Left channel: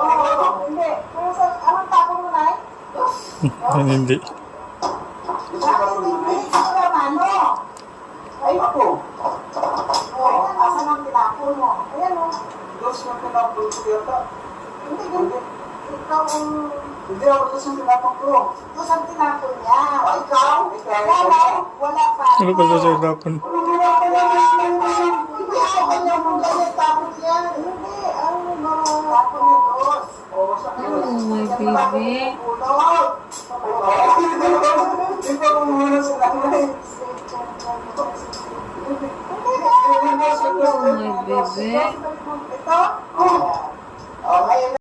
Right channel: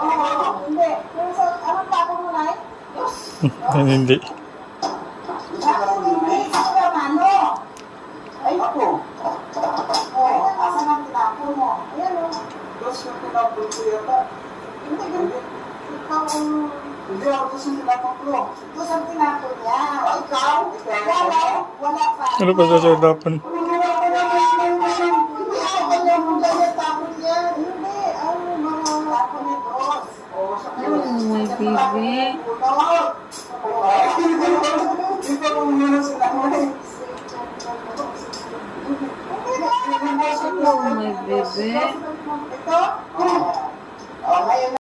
Ako. Hindi. Kung sa, anong tapon mo, Nay? Dos. Hindi. Ako naman, no? Ay, ako. Oh, asan ang tinapon mo? Ayan, oh. Dos na tinapon ko yata. Hindi, hindi. Ikaw ang... Hindi ako dos ang tinapon ko. Dos ang tinapon niya. O, ikaw? Wala. Wala pa. Ano pa sa dapan? Hindi ako kanya ganyan niya. Hindi. Ano na? Tapon ni Dos. Oh, sa my baby. Hindi ko kung muna sa nanay. Oh, my baby. Ito? Oh.